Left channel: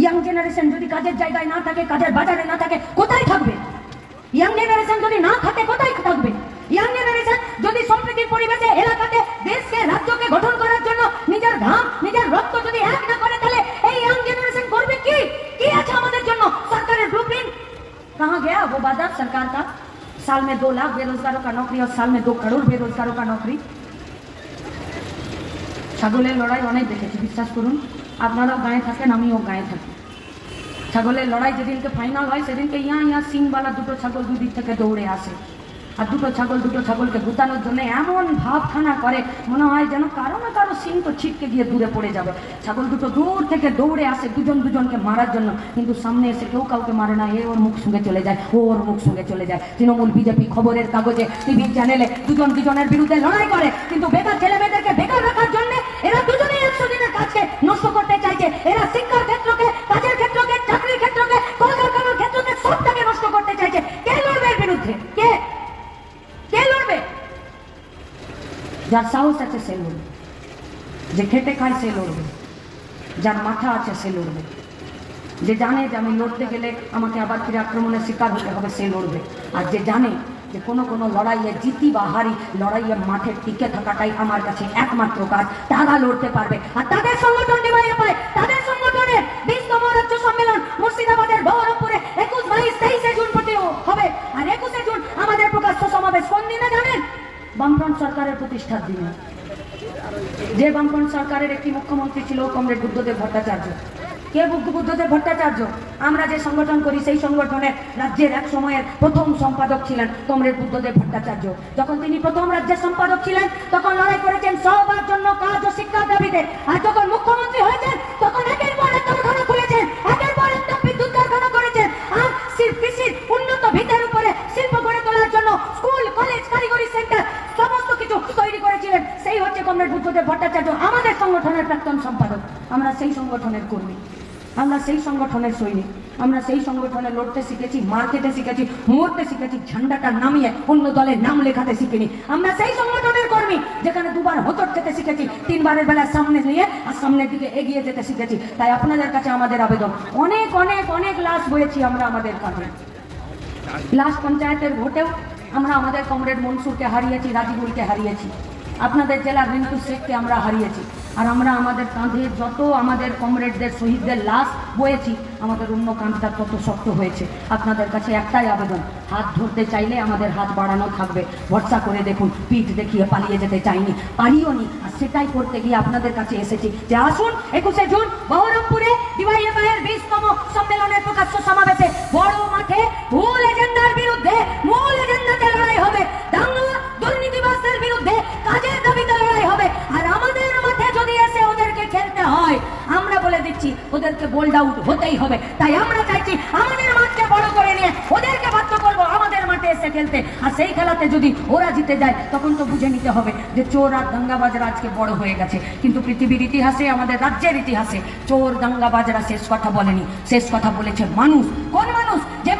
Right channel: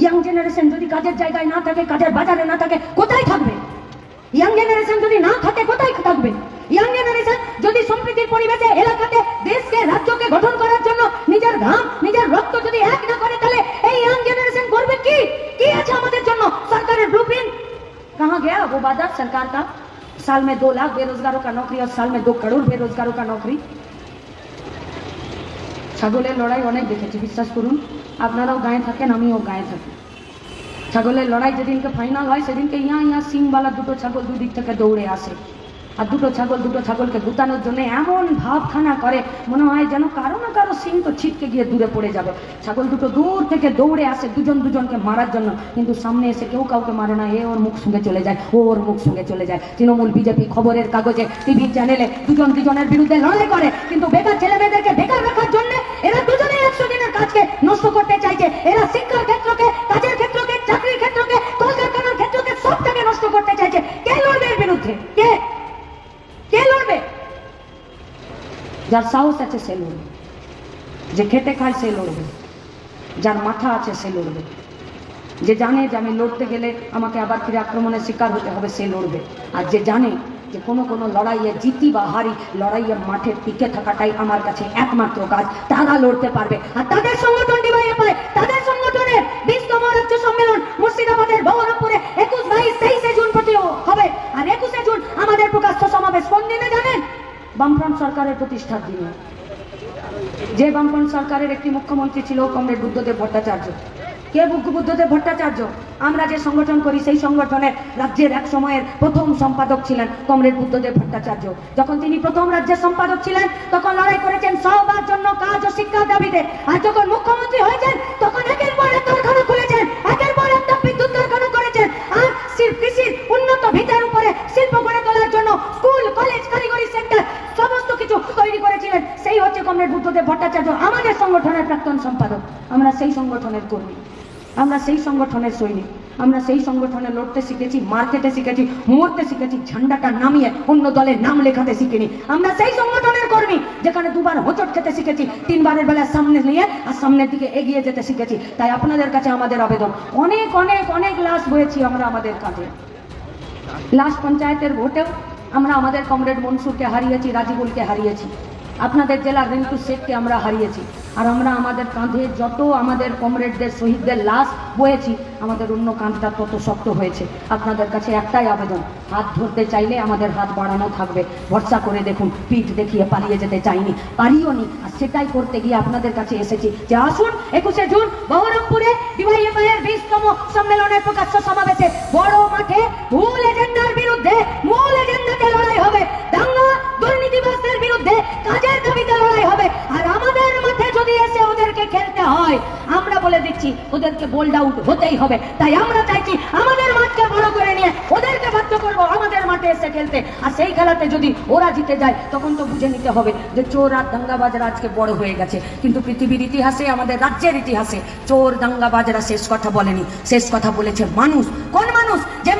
Young generation যদি কাজের জায়গায় না থাকে কাজের বাজারে না থাকে কোথায় থাকবে ইয়াং জেনারেশন যদি না থাকে কোথায় থাকবে ইয়াং জেনারেশন যদি সম্প্রীতির পরিবেশে এলাকাতে দেশকে রাজ্যকে গঠন করার জন্য নিজের ঘাম নিজের রক্ত যদি এক না করে তাহলে এই ইয়াং জেনারেশন করবে কি কি আছে আমাদের জন্য সরকারের ব্লুপ্রিন্ট कहाँ गया वो वादा सरकार का साल में दो लाख बेरोजगारों का नौकरी और साल में दो करोड़ बेरोजगारों का नौकरी ছাগলের লড়াই অনেক দেখেছি, বিশ্বাস করুন। আপনারাও গায়ে থাকেন, আমিও গায়ে থাকি। ছাগলের লড়াই যেদিনকে ফাইনাল হয়, সেদিনকে ইয়া ইয়া সিংবালা দুটো ছাগল দুদিক থেকে দৌড়ে আসে। আর দুটো ছাগল দুটো ছাগলকে গুতানোর জন্য এমন ভাবখানা করে, মনে হয় যেন কারও না কারও সিং তো ছিটকে গিয়ে দূরে পড়ে যাবে। ছাগল দুটো দূর থেকে দৌড়ে আসে দুজন দুজনকে মারার জন্য, কিন্তু সামনে এসে কেউ কাউকে মারে না, এ ওর মুখ সঙ্গে চলে যায়, ও ওর মুখ সঙ্গে চলে যায়। তৃণমূল বিজেপি খবরের কাগজে টিভি চ্যানেলে দুজন দুজনের বিরুদ্ধে লড়াই করে, কিন্তু বেকার যার সাহস আছে সে লড়বে। যে খেটে খায় সে লড়বে। যার মাথা আছে সে লড়বে। যে জানে যে আমি লড়তে গেলে আমাকে আবার ফিরে আক্রমণের শিকার হতে হবে, সে লড়বে। আর যে জানে যে কোনো কোনো লড়াইয়ে জিতি বা হারি লড়াইয়ের মাঠে টিকে থাকাটাই আমার কাছে একমাত্র কাজ। তারা লড়তে পারবে। আর তাদের সংগঠন ডিভাইয়ে তাদের সংগঠনের বিশতম রাজ্য সম্মেলন মুর্শিদাবাদের বহরমপুরে একুশ বাইশ তেইশে জুন প্রতি হবে। আর একুশে জুন আমাদের প্রকাশ্য সমাবেশ। কোন দিনে বামফ্রন্ট সরকারের প্রতিষ্ঠার দিনে। যে বামপন সরকারের একটি মুখ্যমন্ত্রী ছিল, কমরেড বুদ্ধদেব ভট্টাচার্য। কে বুদ্ধদেব ভট্টাচার্য? আমরা যে সংগঠন করি, সেই সংগঠনের রাজ্যের এক সময়ের প্রথম সম্পাদক ছিলেন কমরেড বুদ্ধদেব ভট্টাচার্য। যখন তিনি প্রথম রাজ্যের সম্পাদক ছিলেন, তখন লড়াই করেছেন সবার জন্য কাজ ও শিক্ষার দাবিতে। আর যখন মুখ্যমন্ত্রী হয়েছেন, তখন বুদ্ধদেব ভট্টাচার্য আমাদের সংগঠনের প্রাক্তন সম্পাদক। আমরা সেই সংগঠনের কর্মী। আমরা সেই সংগঠনের সৈনিক। আমরা সেই সংগঠনে লড়তে শিখেছি, মার্কেটে শিখেছি, মরতে শিখেছি, ঝান্ডাটা নামিয়ে অন্য দলের নাম লেখাতে শিখিনি। আমরা সেই সংগঠনের কর্মী, যেখানে দুবার হোঁচট খেতে শিখেছি, তিনবারের বেলা সামনে নিয়ে আর সামনের দিকে এগিয়ে যেতে শিখেছি। তাই আপনাদের কাছে আমাদের আবেদন। অনেক অনেক অনেক লাশ বয়েছি আমরা আমাদের কাঁধে। লাশ পঞ্চায়েতের ভোটেও আমরা আমাদের কমরেড মনসুরকে হারিয়েছি, রাজিবুলকে হারিয়েছি। আপনাদের জেলার রিন্টু শেখকে আমরা হারিয়েছি। আর আমরা আমাদের কাঁধে যত আমাদের কমরেডদের শহীদদের লাশ বয়েছি, আমাদের অন্য কাঁধটা তত শক্ত হয়েছে। আপনাদের কাছে একটাই আবেদন, হাত ধরতে চাইলে আমাদের হাত বাড়ানো থাকবে। ভরসা করে দেখুন, পিঠ দেখিয়ে পালিয়ে যেতে চাইনি, পারিও নি। আর সেটাই করতে গিয়ে আপনাদের কাছে এসেছি। যে আসুন, একুশে জুন বহরমপুরে বিশতম সম্মেলনের প্রকাশ্য সমাবেশে, বড় মাঠে আমরা বলে দিচ্ছি, ওদেরকে বোল্ড আউট হতেই হবে। তাই আমরা চাইছি আমাদের মাঠকে বড় করে নিয়ে ওদেরকে বাধ্য করব আমাদের মাঠে এসে খেলতে। আর সেই খেলাতে যদি ওরা জিতে যায়, তখন তো বুঝে নিতে হবে যে চোর আর দাঙ্গাবাজরা আজকে বড় হয়ে গেছে। কিন্তু পৃথিবীর ইতিহাসে, আমাদের রাজ্যের ইতিহাসে চোর, দাঙ্গাবাজরা শেষ কথা বলেনি। শেষ কথা বলেছে মানুষ। কোন মানুষ? যে